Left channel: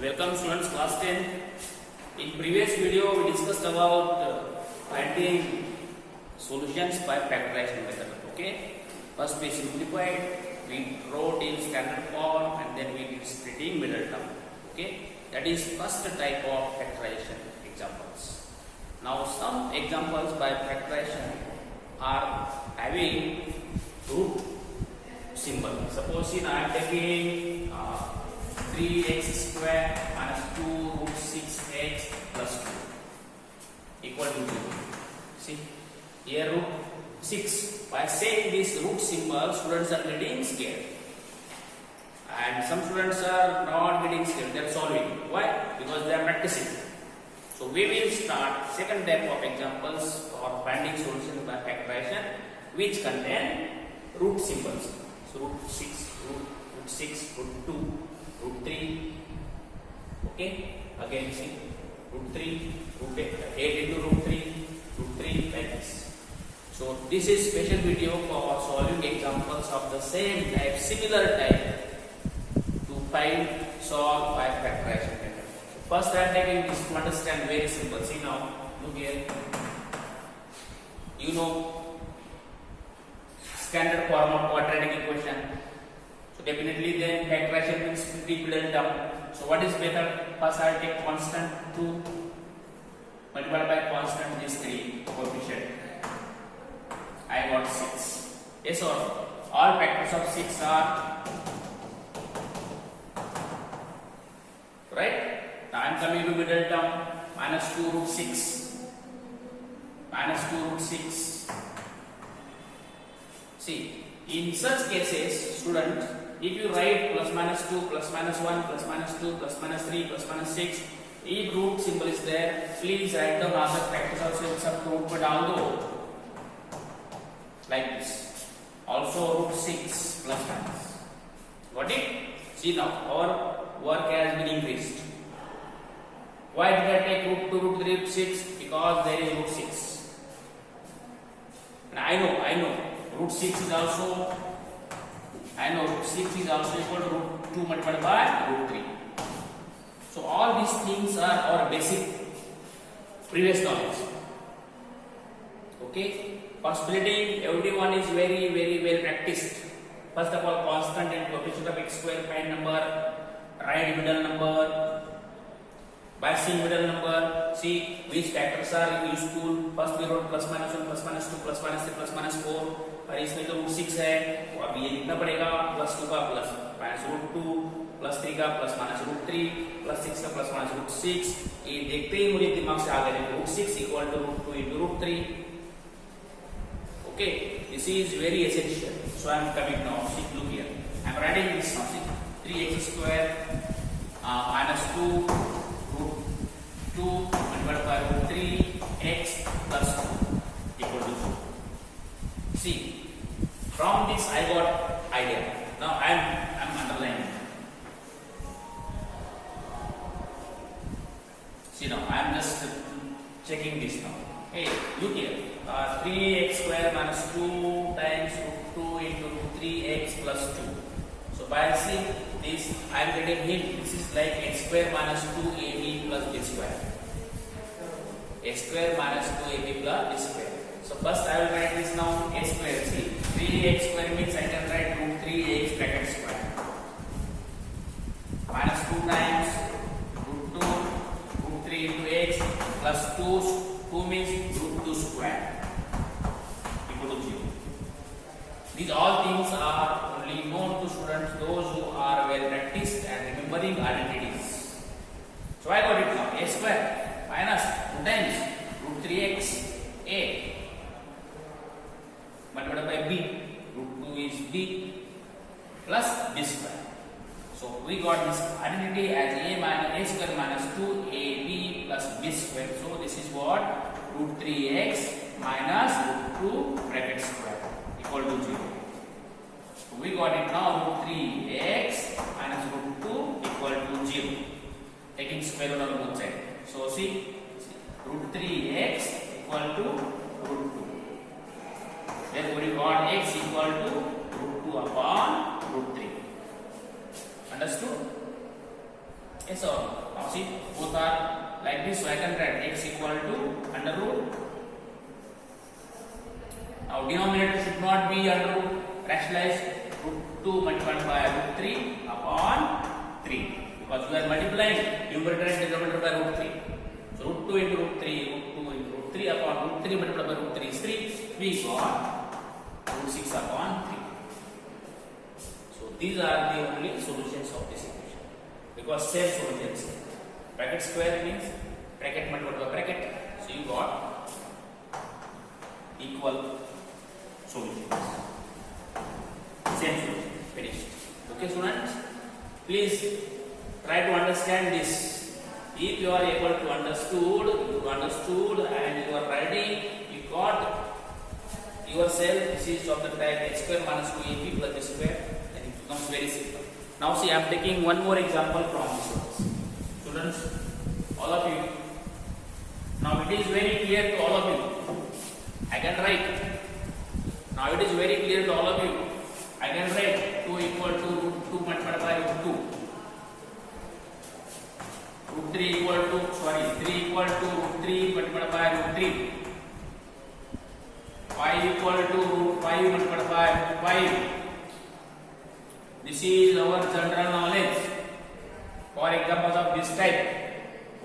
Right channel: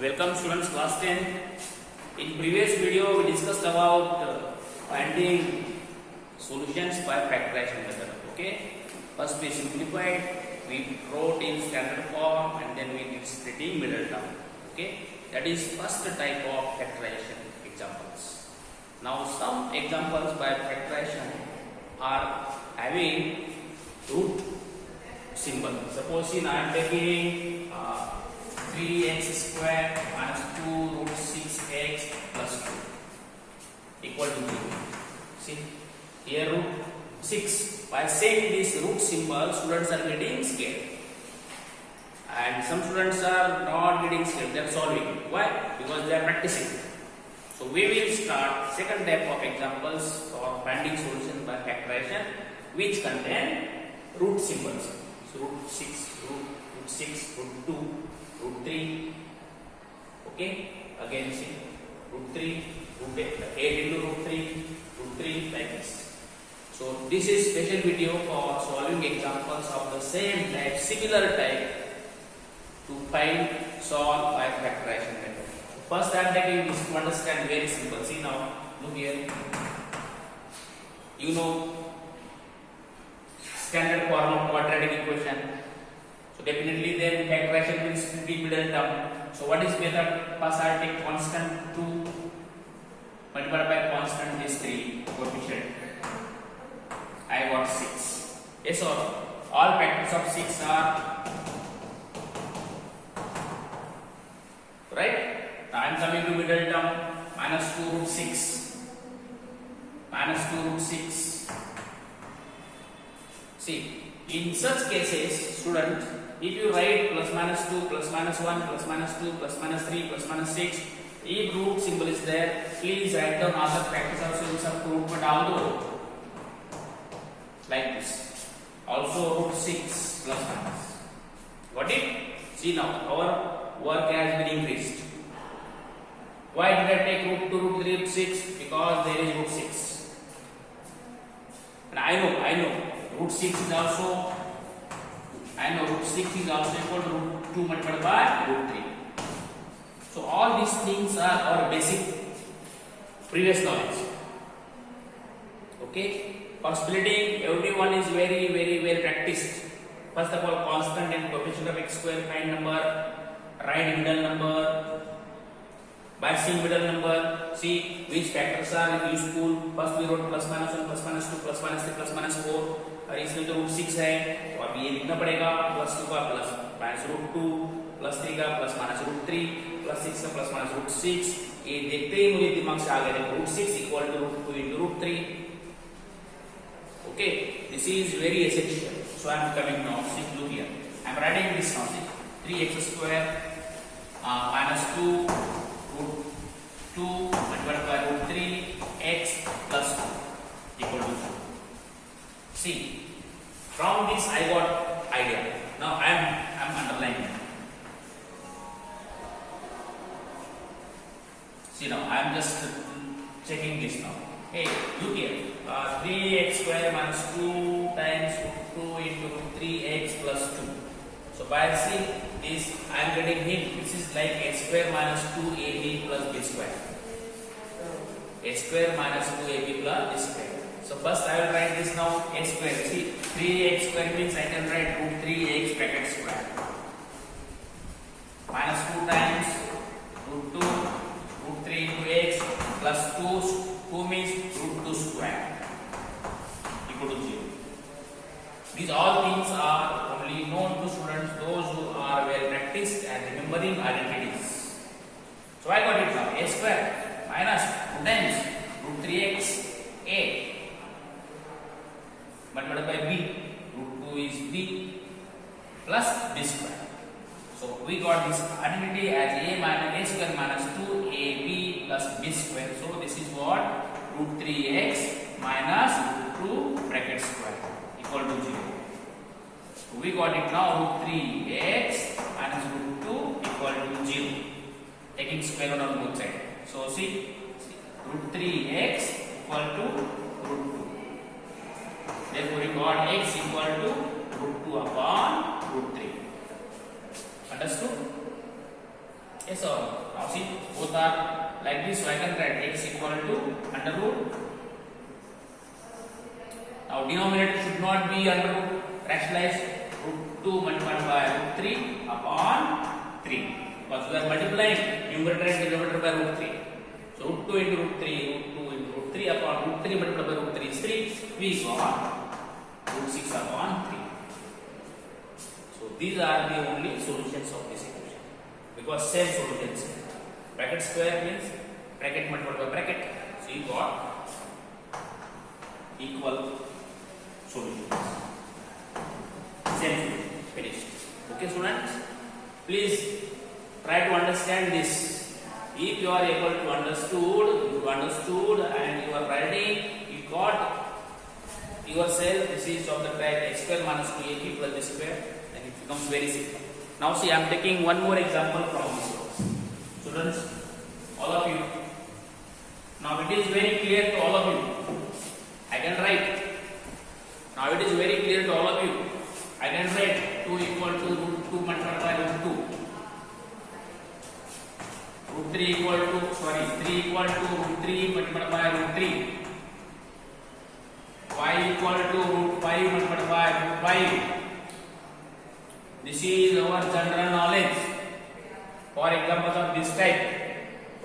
Welcome students, class 10. In previous video we discussed about finding solutions by factorization method. Okay. First we simplified, we wrote in standard form, and then we did splitting middle term. Okay. That is first type of factorization examples. Now some examples by factorization are having root symbol. Suppose I am taking 3x square minus 2 root 6x plus 2 equal to 0. See, here root 6. By saying this root symbol, students are getting scared. And some students are not getting scared, they are solving. Why? Because they are practicing. So we will start second type of examples for finding solutions by factorization which contain root symbols. So root 6, root 6, root 2, root 3, okay, again see, root 3, root 8 into root 3, like this. So this is special video for solving examples of the same type, similar type to find, solve by factorization method. First I am taking this to understand very simple. See now, look here, you know standard form of quadratic equation. So definitely then factorization will split the middle term. So what is better? First I take constant 2 multiplied by constant this 3 coefficient. I got 6. Yes or all factors of 6 are right. Now I am coming to middle term, minus 2 root 6. Minus 2 root 6. See, in such cases, student, if you write plus minus 2, plus minus 1, plus minus 2, plus minus 3, plus minus 6, if root symbol is there, please write down other factors of same sub root पर डाल दो like this. Also root 6 plus minus. Got it? See now, our work has been increased. Why did I take root 2, root 3, root 6? Because there is root 6. And I know. Root 6 is also, root 6 is also equal to root 2 multiplied by root 3. So all these things are our basic previous knowledge. Okay. For splitting, everyone is very well practiced. First of all, constant and coefficient of x square, find number, write middle number, by seeing middle number, see which factors are useful. First we wrote plus minus 1, plus minus 2, plus minus 3, plus minus 4. और इसमें तो root 6 है, तो अब ये लिखना पड़ेगा plus 2 का प्लस माइनस रूट 2, प्लस 3 का प्लस माइनस रूट 3, प्लस 6 का प्लस माइनस रूट 6. ये देखते ही मुझे दिमाग से आ गया root 6 equal to root 2 into root 3. Okay, this is very essential. So I am coming now. See, look here. I am writing this now. See, 3x square minus 2 root 2 multiplied by root 3x plus 2 equal to 0. See, from this I got idea. Now I am underlining. See now, I am just checking this now. Hey, look here. 3x square minus 2 times root 2 into root 3x plus 2. So by seeing this, I am getting hint. This is like x square minus 2ab plus b square. X square minus 2ab plus b square. So first I will write this now a square. See, 3x square means I can write root 3x bracket square. Minus 2 times root 2 root 3 into x plus 2 means root 2 square equal to 0. These all things are only known to students, those who are well practiced and remembering identities. So I got it now. A square minus 2 times root 3x a multiplied by b, root 2 is b plus b square. So we got this identity as a square minus 2ab plus b square. So this is what root 3x minus root 2 bracket square equal to 0. So we got it now, root 3x minus root 2 equal to 0. Taking square root on both sides. So see, root 3x equal to root 2. Therefore we got x equal to root 2 upon root 3. Understood? Yes or no? Now see, both are like this, so I can write x equal to under root. Now denominator should not be under root, rationalize root 2 multiplied by root 3 upon 3, because we are multiplying numerator and denominator by root 3. So root 2 into root 3, root 2 into root 3 upon root 3 multiplied by root 3 is 3. We got root 6 upon 3. So these are the only solutions of this equation, because same solutions. Bracket square means bracket multiplied by bracket. So you got equal solutions. Same solution. Finished. Okay, students? Please try to understand this. If you are able to understood and you are writing, you got yourself, this is of the type x square minus 2ab plus b square, then it becomes very simple. Now see, I am taking one more example from this class. Students, all of you, now it is very clear to all of you. I can write. Now it is very clear to all of you. I can write 2 equal to root 2 multiplied by root 2. Root 3 equal to, 3 equal to root 3 multiplied by root 3. 5 equal to root 5 multiplied by root 5. This is our general knowledge for examples of this type.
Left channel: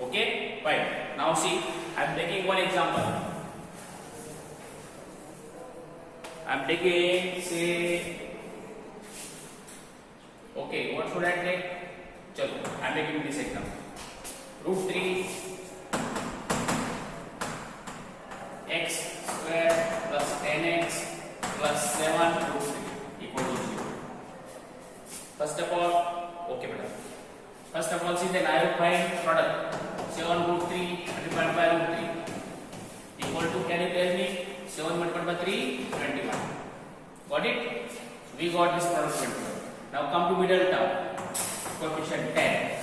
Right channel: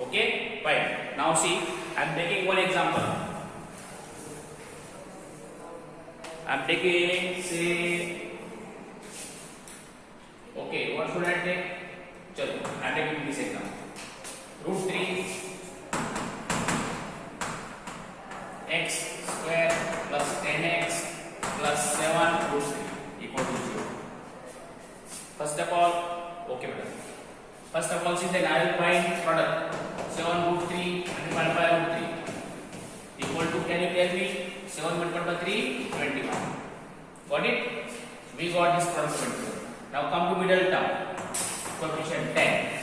Okay, fine. Now see, I am taking one example. I am taking, say, okay, what should I take? Chalo, I am taking this example. Root 3 x square plus 10x plus 7 root 3 equal to 0. First of all, okay, madam. First of all, see, then I will find product. 7 root 3 multiplied by root 3 equal to, can you tell me, 7 multiplied by 3, 21. Got it? We got this product 21. Now come to middle term, coefficient 10.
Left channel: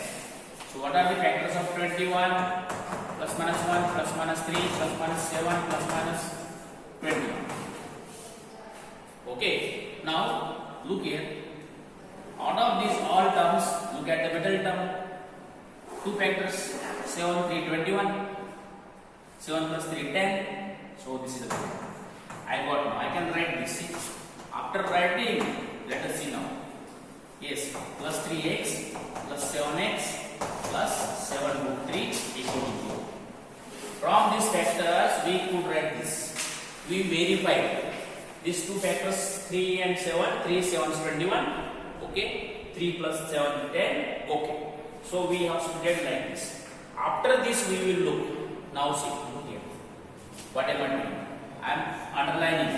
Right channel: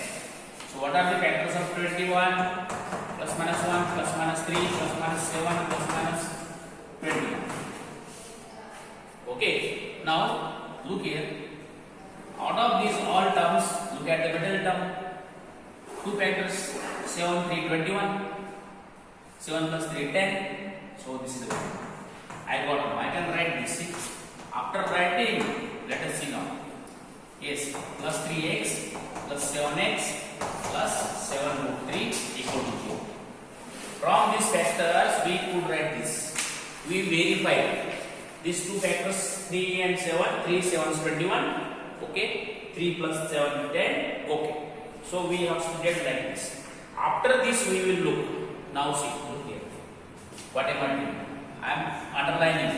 So what are the factors of 21? Plus minus 1, plus minus 3, plus minus 7, plus minus 21. Okay, now look here. Out of these all terms, look at the middle term. Two factors, 7, 3, 21. 7 plus 3, 10. So this is the one. I got now. I can write this thing. After writing, let us see now. Yes, plus 3x plus 7x plus 7 root 3 equal to 0. From these factors, we could write this. We verified these two factors, 3 and 7. 3, 7 is 21. Okay. 3 plus 7 is 10. Okay. So we have to get like this. After this, we will look. Now see, look here. What am I doing? I am underlining.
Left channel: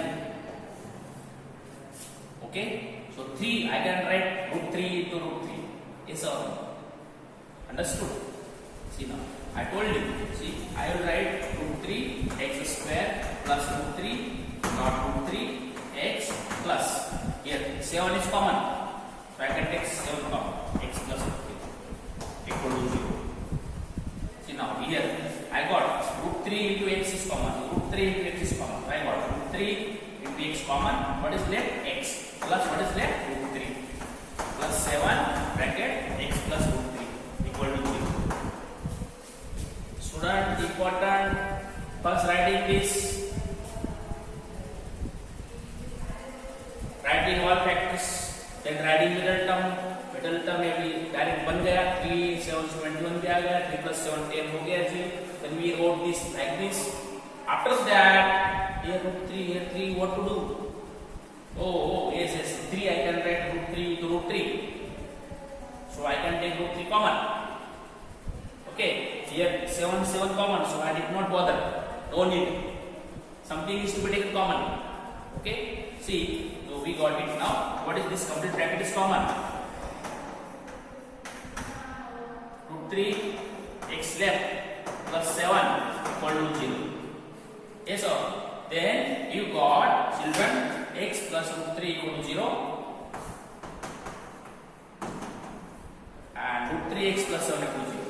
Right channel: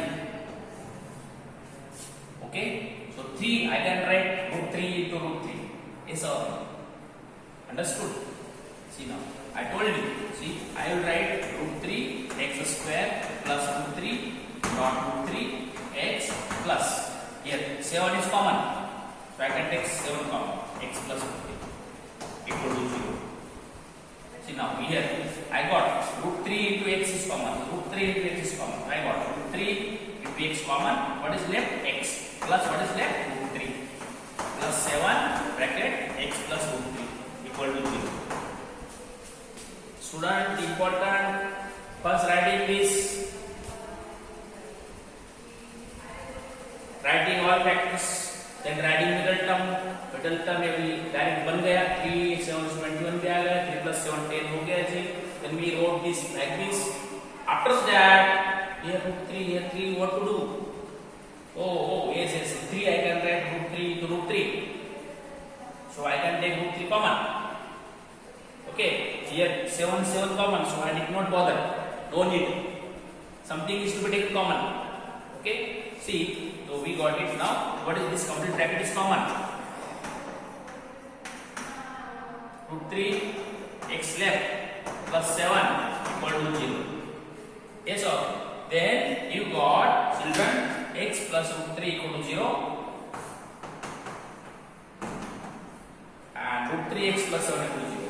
Okay. So 3, I can write root 3 into root 3. Yes or no? Understood? See now, I told you. See, I will write root 3 x square plus root 3 not root 3 x plus. Here 7 is common. So I can take 7 common. X plus root 3 equal to 0. See now, here I got root 3 into x is common. Root 3 into x is common. I got root 3 into x common. What is left? X. Plus what is left? Root 3 plus 7 bracket x plus root 3 equal to 0. Student, important, first writing this, writing all factors, then writing middle term अभी direct बन गया, 3 7 21 पे आ गया, 3 plus 7 10 हो गया जी. Then we wrote this like this. After that, here root 3, here 3, what to do? Oh, yes, 3 I can write root 3 to root 3. So I can take root 3 common. Okay, here 7 common, so I did not bother. Don't need. Something is to be taken common. Okay, see, so we got it now. What is this? Complete bracket is common. Root 3 x left plus 7 equal to 0. Yes or no? Then you got, children, x plus root 3 equal to 0 and root 3x plus 7 equal to 0.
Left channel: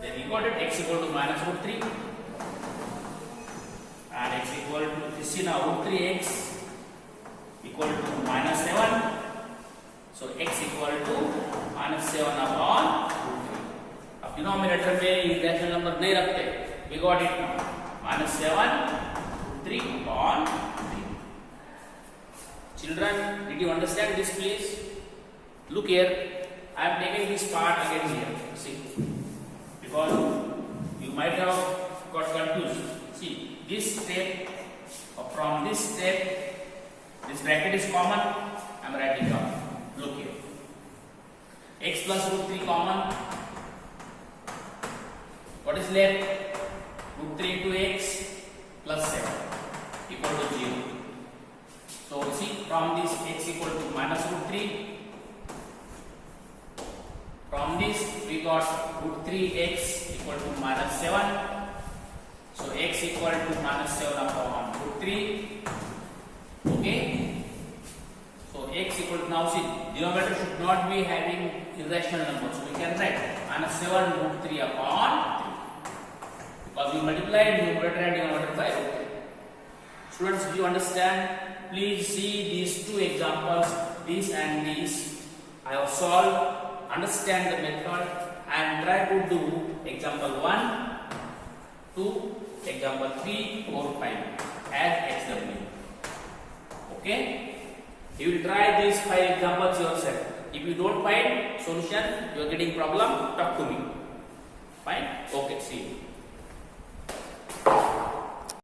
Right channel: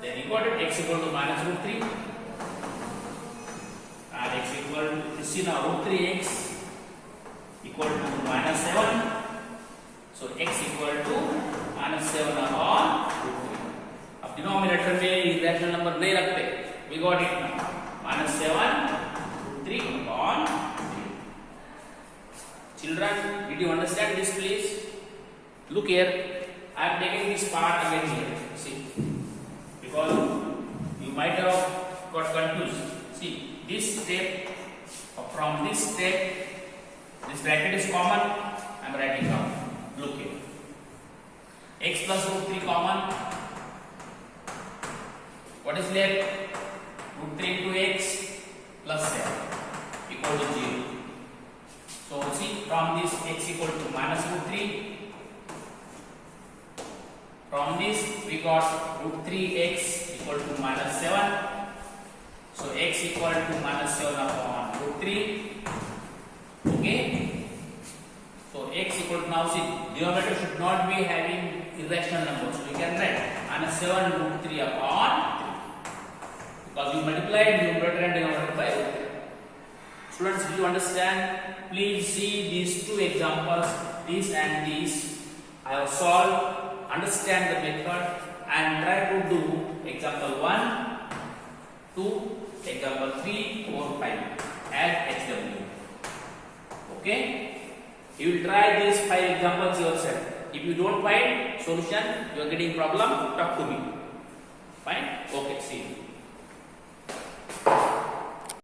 Then you got it, x equal to minus root 3 and x equal to, see now, root 3x equal to minus 7. So 7 upon root 3. अब denominator में irrational number नहीं रखते. We got it now. -7 root 3 upon 3. Children, did you understand this, please? Look here. I am taking this part again here. See, because you might have got confused. See, this step, from this step, this bracket is common. I am writing down. Look here. X plus root 3 common. What is left? Root 3 into x plus 7 equal to 0. So see, from this x equal to minus root 3. From this we got root 3x equal to minus 7. So x equal to minus 7 upon root 3. Okay. So x equal to, now see, denominator should not be having irrational numbers. So we can write minus 7 root 3 upon 3. Because we multiply numerator and denominator by root 3. Students, if you understand, please see these two examples, this and this. I have solved. Understand the method and try to do example 1, 2, example 3, 4, 5 as HW. Okay? You will try these 5 examples yourself. If you don't find solution, you are getting problem, talk to me. Fine? Okay, see you.